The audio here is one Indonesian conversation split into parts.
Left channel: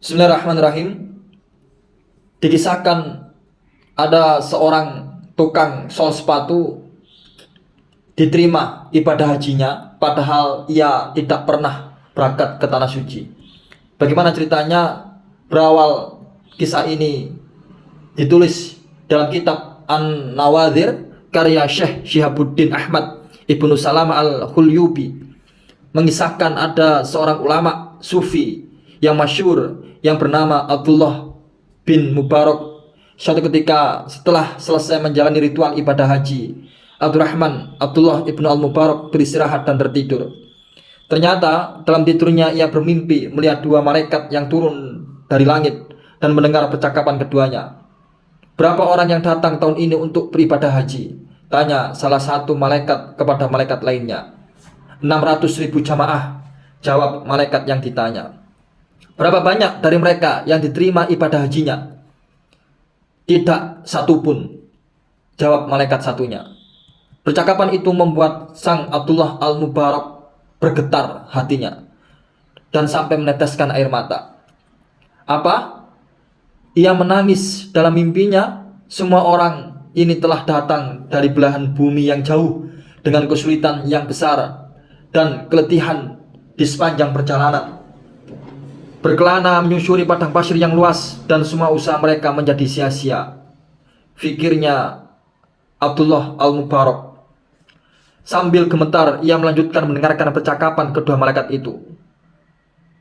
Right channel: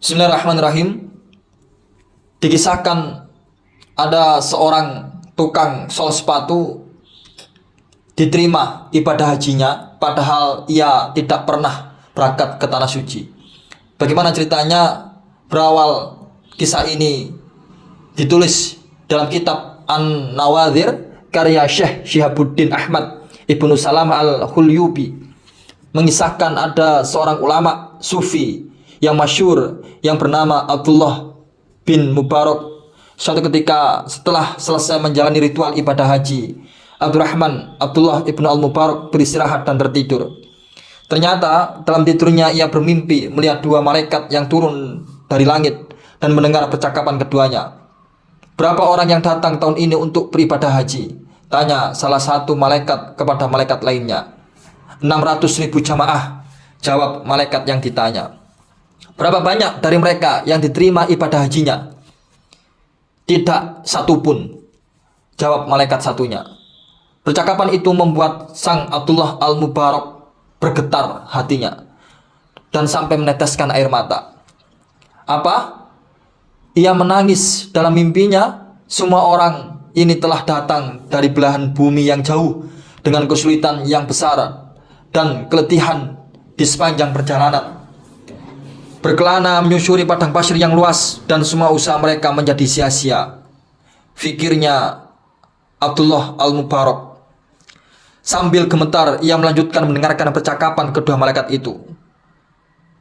Bismillahirrahmanirrahim. Dikisahkan ada seorang tukang sol sepatu diterima ibadah hajinya, padahal ia tidak pernah berangkat ke tanah suci. Bagaimana ceritanya? Berawal kisah ini ditulis dalam kitab An-Nawadhir karya Syekh Syihabuddin Ahmad Ibnu Salam Al-Hulyubi, mengisahkan ada seorang ulama sufi yang masyhur yang bernama Abdullah bin Mubarak. Suatu ketika setelah selesai menjalani ritual ibadah haji, Abdullah ibnu Al-Mubarak beristirahat dan tertidur. Ternyata dalam tidurnya ia bermimpi melihat dua malaikat yang turun dari langit dan mendengar percakapan keduanya. "Berapa orang yang datang tahun ini untuk beribadah haji?" tanya salah satu malaikat kepada malaikat lainnya. 600.000 jamaah, jawab malaikat yang ditanya. "Berapa banyak dari mereka yang diterima ibadah hajinya?" "Tidak satu pun," jawab malaikat satunya. Percakapan itu membuat sang Abdullah Al-Mubarak bergetar hatinya dan sampai meneteskan air mata. Apa? Ia menangis dalam mimpinya. Semua orang ini telah datang dari belahan bumi yang jauh dengan kesulitan yang besar dan keletihan di sepanjang perjalanan. Berkelana menyusuri padang pasir yang luas dan semua usaha mereka menjadi sia-sia, fikirnya Abdullah Al-Mubarak. Sambil gemetar ia melanjutkan mendengarkan percakapan kedua malaikat itu.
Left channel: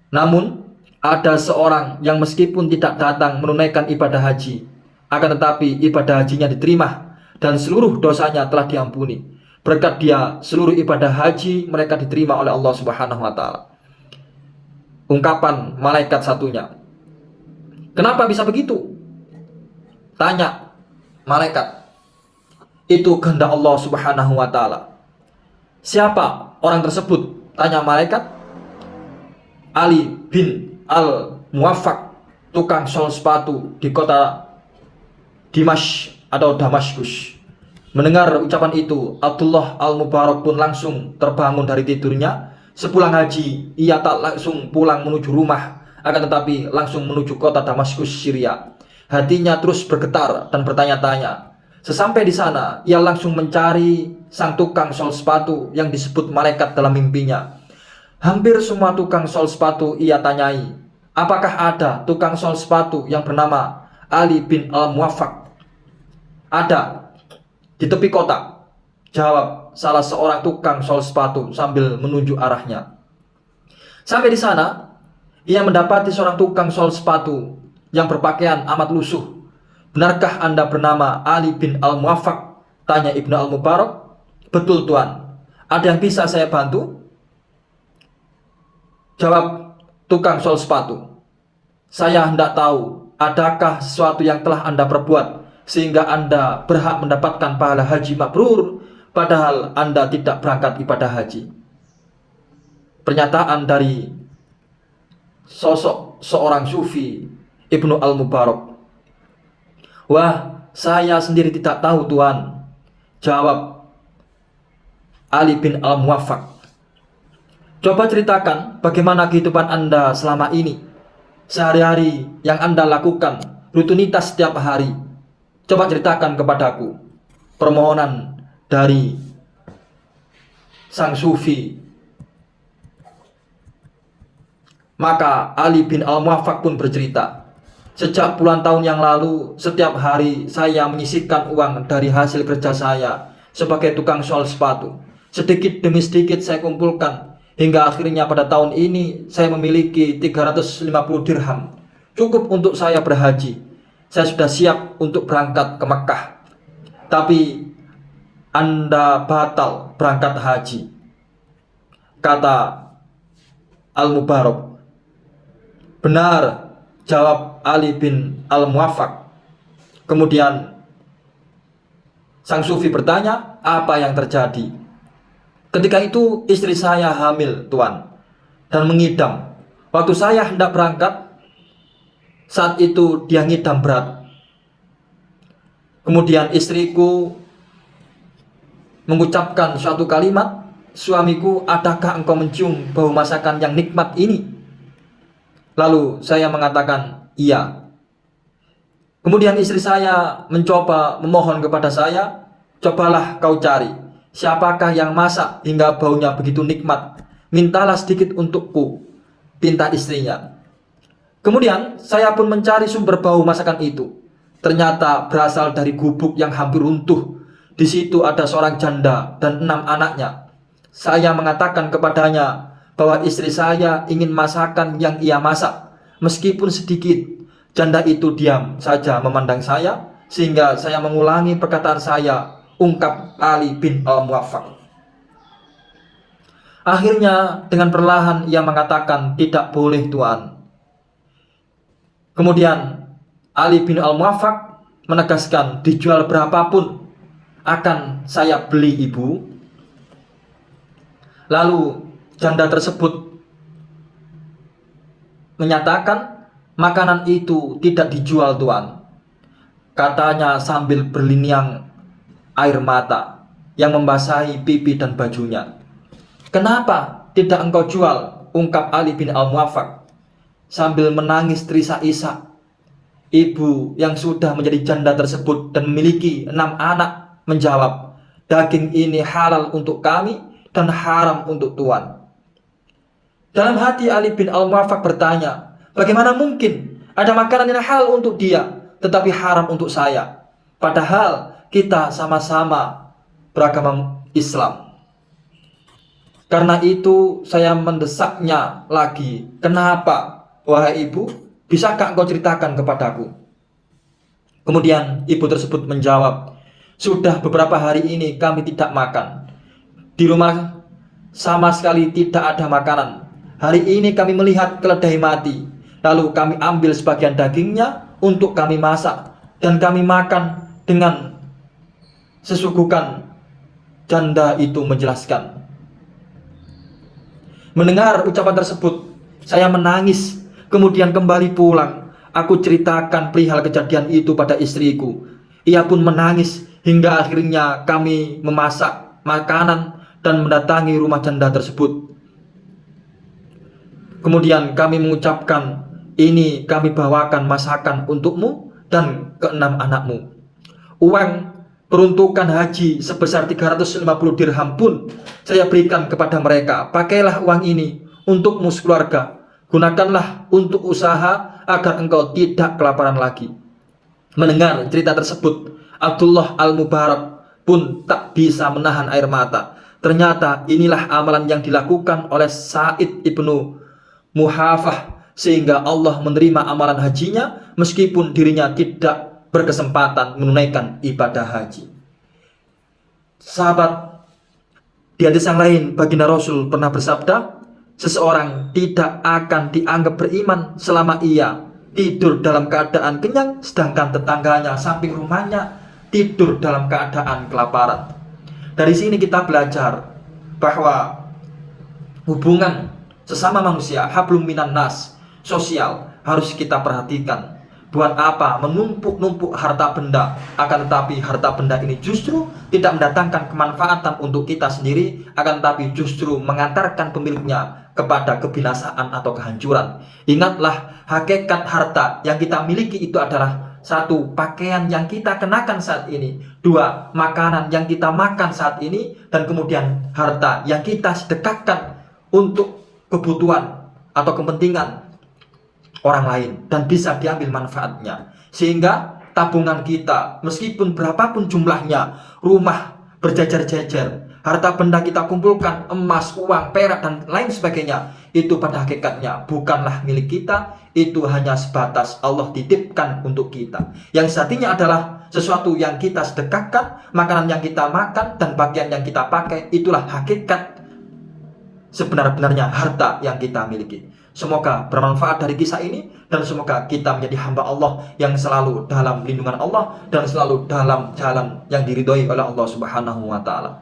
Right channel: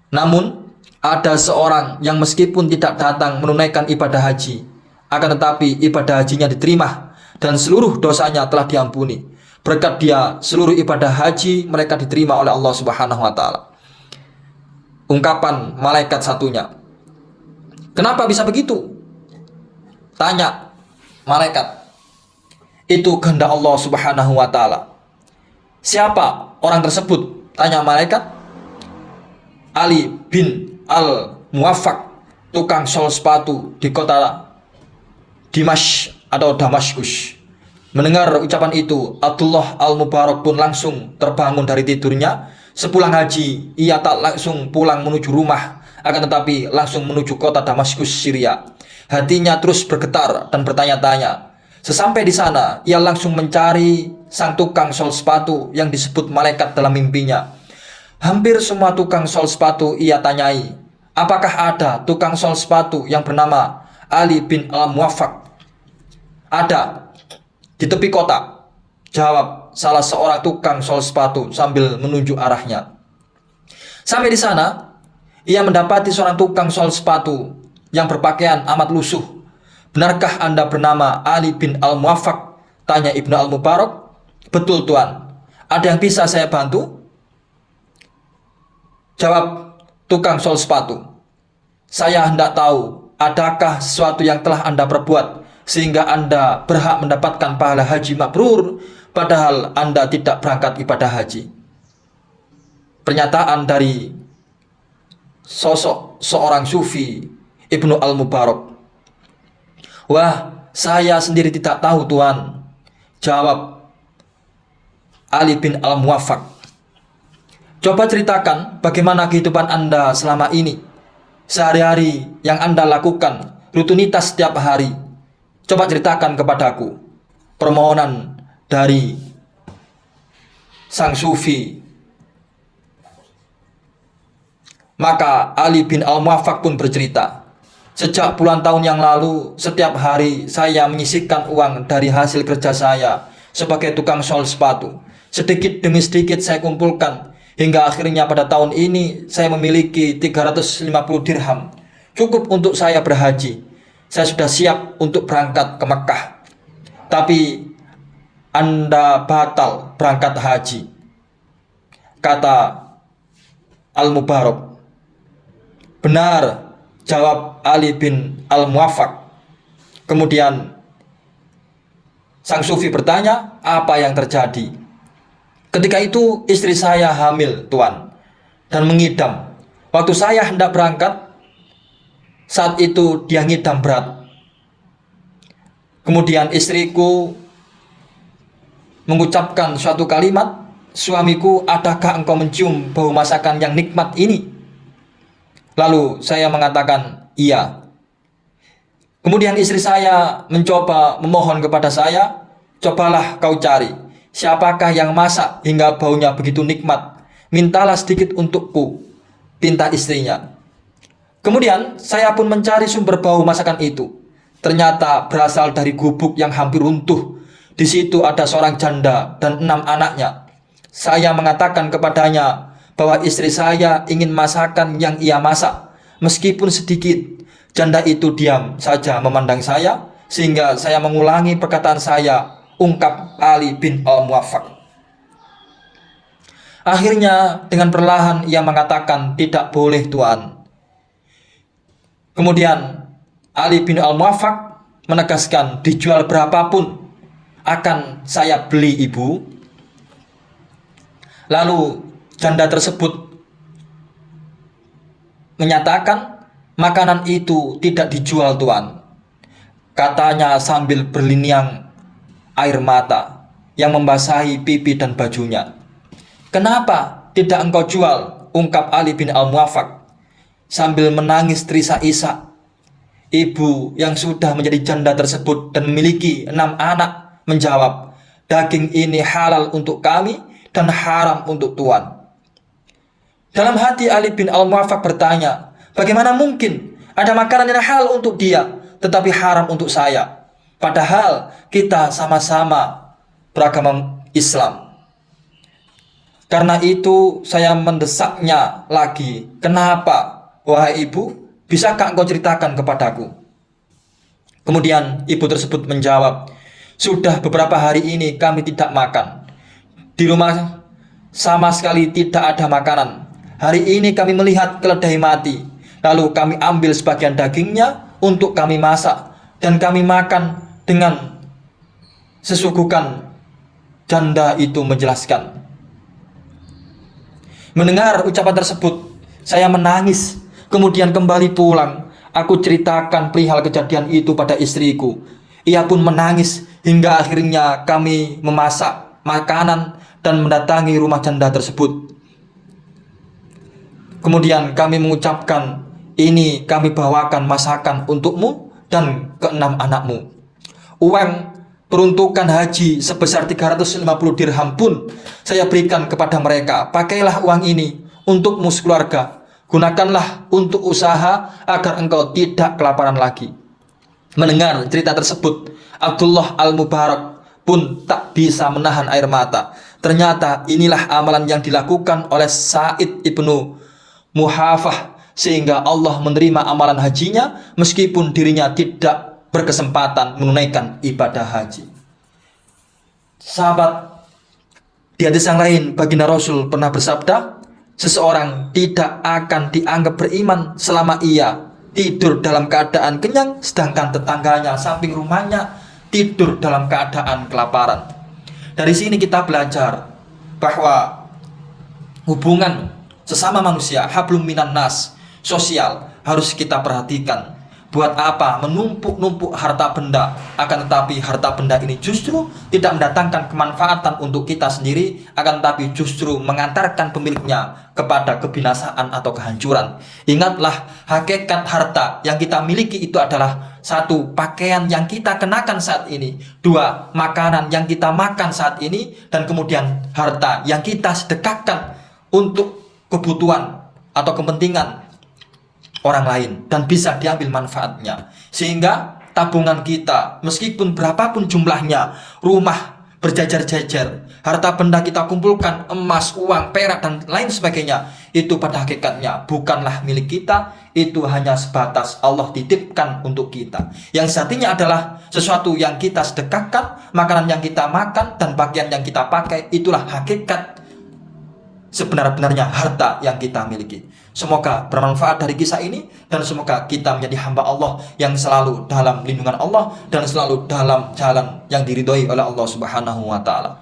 Namun ada seorang yang meskipun tidak datang menunaikan ibadah haji, akan tetapi ibadah hajinya diterima dan seluruh dosanya telah diampuni. Berkat dia seluruh ibadah haji mereka diterima oleh Allah Subhanahu wa taala. Ungkapan malaikat satunya. "Kenapa bisa begitu?" tanya malaikat. "Itu kehendak Allah Subhanahu wa taala." "Siapa orang tersebut?" tanya malaikat. "Ali bin Al-Muwaffaq, tukang sol sepatu di kota Dimash atau Damaskus." Mendengar ucapan itu, Abdullah Al-Mubarak pun langsung terbangun dari tidurnya. Sepulang haji, ia tak langsung pulang menuju rumah, akan tetapi langsung menuju kota Damaskus, Syria. Hatinya terus bergetar dan bertanya-tanya. Sesampai di sana, ia langsung mencari sang tukang sol sepatu yang disebut malaikat dalam mimpinya. Hampir semua tukang sol sepatu ia tanyai. Apakah ada tukang sol sepatu yang bernama Ali bin Al-Muwaffaq? "Ada, di tepi kota," jawab salah seorang tukang sol sepatu sambil menunjuk arahnya. Sampai di sana, ia mendapati seorang tukang sol sepatu yang berpakaian amat lusuh. "Benarkah Anda bernama Ali bin Al-Muwaffaq?" tanya Ibnu Al-Mubarak. "Betul Tuan. Ada yang bisa saya bantu?" jawab tukang sol sepatu. "Saya hendak tahu, adakah sesuatu yang telah Anda perbuat sehingga Anda berhak mendapatkan pahala haji mabrur, padahal Anda tidak berangkat ibadah haji?" Pernyataan dari sosok seorang sufi, Ibnu Al-Mubarak. "Wah, saya sendiri tidak tahu Tuan," jawab Ali bin Al-Muwaffaq. "Coba ceritakan bagaimana kehidupan Anda selama ini, sehari-hari yang Anda lakukan, rutinitas setiap hari. Coba ceritakan kepadaku." Permohonan dari sang sufi. Maka Ali bin Al-Muwaffaq pun bercerita, "Sejak puluhan tahun yang lalu, setiap hari saya menyisihkan uang dari hasil kerja saya sebagai tukang sol sepatu. Sedikit demi sedikit saya kumpulkan, hingga akhirnya pada tahun ini saya memiliki 350 dirham. Cukup untuk saya berhaji. Saya sudah siap untuk berangkat ke Mekah. Tapi Anda batal berangkat haji," kata Al-Mubarak. "Benar," jawab Ali bin Al-Muwaffaq. Kemudian sang sufi bertanya, "Apa yang terjadi?" "Ketika itu istri saya hamil Tuan, dan mengidam. Waktu saya hendak berangkat, saat itu dia ngidam berat. Kemudian istriku mengucapkan suatu kalimat, 'Suamiku, adakah engkau mencium bau masakan yang nikmat ini?' Lalu saya mengatakan iya. Kemudian istri saya mencoba memohon kepada saya, cobalah kau cari siapakah yang masak hingga baunya begitu nikmat. Mintalah sedikit untukku, pinta istrinya. Kemudian saya pun mencari sumber bau masakan itu. Ternyata berasal dari gubuk yang hampir runtuh. Di situ ada seorang janda dan 6 anaknya. Saya mengatakan kepadanya bahwa istri saya ingin masakan yang ia masak, meskipun sedikit. Janda itu diam saja memandang saya, sehingga saya mengulangi perkataan saya, ungkap Ali bin Al-Muwaffaq. Akhirnya dengan perlahan ia mengatakan, tidak boleh Tuan. Kemudian Ali bin Al-Muwaffaq menegaskan, dijual berapapun akan saya beli ibu. Lalu janda tersebut menyatakan, makanan itu tidak dijual Tuan, katanya sambil berlinang air mata yang membasahi pipi dan bajunya. Kenapa tidak engkau jual? Ungkap Ali bin Al-Muwaffaq sambil menangis terisak-isak. Ibu yang sudah menjadi janda tersebut dan memiliki 6 anak menjawab, daging ini halal untuk kami dan haram untuk Tuan. Dalam hati Ali bin Al-Muwaffaq bertanya, bagaimana mungkin ada makanan yang halal untuk dia tetapi haram untuk saya? Padahal kita sama-sama beragama Islam. Karena itu saya mendesaknya lagi. Kenapa? Wahai ibu, bisakah engkau ceritakan kepadaku? Kemudian ibu tersebut menjawab, sudah beberapa hari ini kami tidak makan. Di rumah sama sekali tidak ada makanan. Hari ini kami melihat keledai mati. Lalu kami ambil sebagian dagingnya untuk kami masak dan kami makan dengan sesugukan. Janda itu menjelaskan. Mendengar ucapan tersebut, saya menangis. Kemudian kembali pulang. Aku ceritakan perihal kejadian itu pada istriku. Ia pun menangis hingga akhirnya kami memasak makanan dan mendatangi rumah janda tersebut. Kemudian kami mengucapkan, ini kami bawakan masakan untukmu dan ke-6 anakmu. Uang peruntukan haji sebesar 350 dirham pun saya berikan kepada mereka. Pakailah uang ini untukmu sekeluarga. Gunakanlah untuk usaha agar engkau tidak kelaparan lagi. Mendengar cerita tersebut, Abdullah Al-Mubarak pun tak bisa menahan air mata. Ternyata inilah amalan yang dilakukan oleh Sa'id ibnu Muhafah, sehingga Allah menerima amalan hajinya meskipun dirinya tidak berkesempatan menunaikan ibadah haji. Sahabat, di hadis yang lain baginda Rasul pernah bersabda, seseorang tidak akan dianggap beriman selama ia tidur dalam keadaan kenyang, sedangkan tetangganya samping rumahnya tidur dalam keadaan kelaparan. Dari sini kita belajar bahwa hubungan sesama manusia, hablum minan nas, sosial, harus kita perhatikan. Buat apa menumpuk-numpuk harta benda, akan tetapi harta benda ini justru tidak mendatangkan kemanfaatan untuk kita sendiri, akan tetapi justru mengantarkan pemiliknya kepada kebinasaan atau kehancuran. Ingatlah, hakikat harta yang kita miliki itu adalah 1. Pakaian yang kita kenakan saat ini, 2. Makanan yang kita makan saat ini, dan kemudian harta yang kita sedekahkan untuk kebutuhan atau kepentingan orang lain dan bisa diambil manfaatnya. Sehingga tabungan kita, meskipun berapapun jumlahnya, rumah berjejer-jejer, harta benda kita kumpulkan, emas, uang, perak dan lain sebagainya, itu pada hakikatnya bukanlah milik kita. Itu hanya sebatas Allah titipkan untuk kita. Yang satunya adalah sesuatu yang kita sedekahkan, makanan yang kita makan dan pakaian yang kita pakai. Itulah hakikat sebenar-benarnya harta yang kita miliki. Semoga bermanfaat dari kisah ini, dan semoga kita menjadi hamba Allah yang selalu dalam lindungan Allah dan selalu dalam jalan yang diridhoi oleh Allah Subhanahu wa taala.